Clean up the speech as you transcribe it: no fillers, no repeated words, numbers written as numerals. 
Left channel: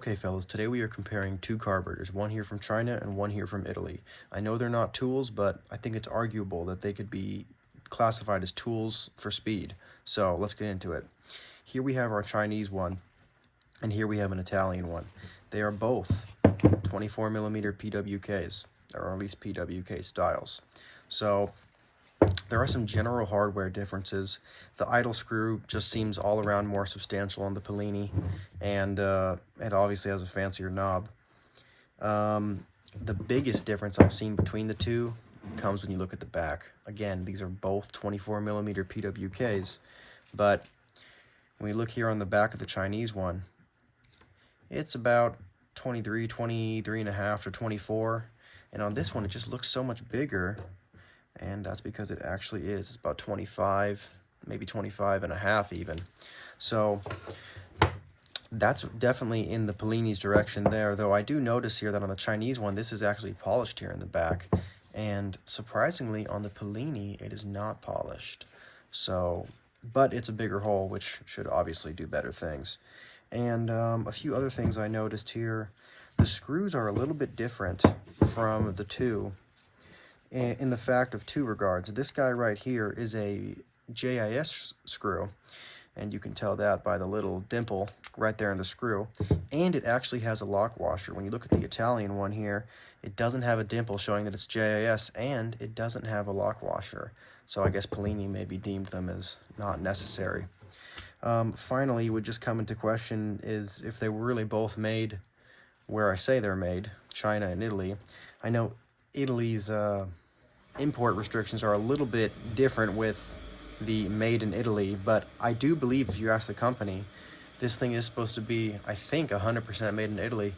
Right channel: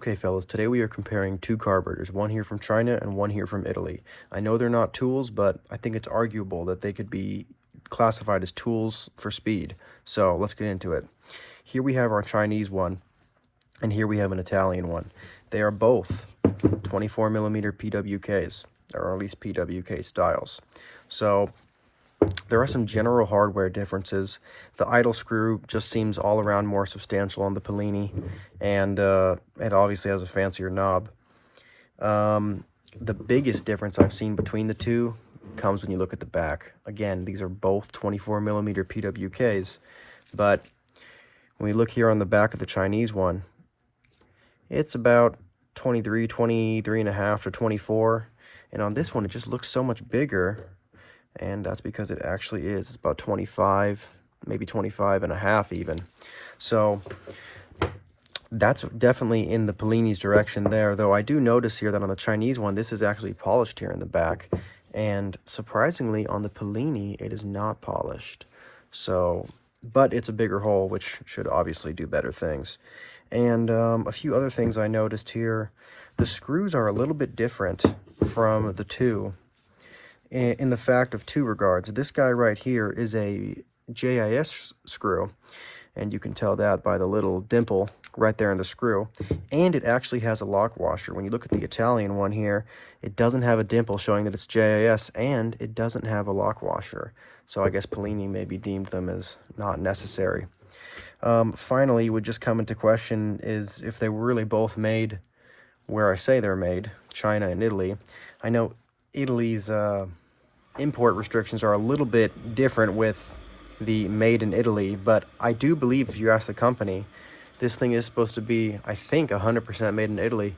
Okay, fellas, today we are comparing two carburetors, one here from China and one here from Italy. I know they're not tools, but I think it's arguable that they could be classified as tools for speed. So let's get into it. Here we have our Chinese one, and here we have an Italian one. They are both 24 millimeter PWKs, or at least PWK styles. So there are some general hardware differences. The idle screw just seems all around more substantial on the Polini, and it obviously has a fancier knob. The biggest difference I've seen between the two comes when you look at the back. Again, these are both 24 millimeter PWKs, but when we look here on the back of the Chinese one, it's about 23 and a half to 24, and on this one it just looks so much bigger, and that's because it actually is. It's about 25, maybe 25 and a half even. So that's definitely in the Polini's direction there, though I do notice here that on the Chinese one, this is actually polished here in the back, and surprisingly on the Polini, it is not polished. So, but it's a bigger hole, which should obviously do better things. And a few other things I noticed here. The screws are a little bit different from the two in the fact of two regards. This guy right here is a JIS screw, and you can tell that by the little dimple right there in the screw, and it actually has a lock washer. When you look at the Italian one here, it doesn't have a dimple showing that it's JIS, and it doesn't have a lock washer, so I guess Polini maybe deemed them as not necessary. Finally, would just come into question is if they were really both made where I say they're made, China and Italy. I know Italy's import restrictions are a little bit different with the made in Italy, but I do believe if you ask the company, this thing is supposed to be, I think, 100% made in Italy.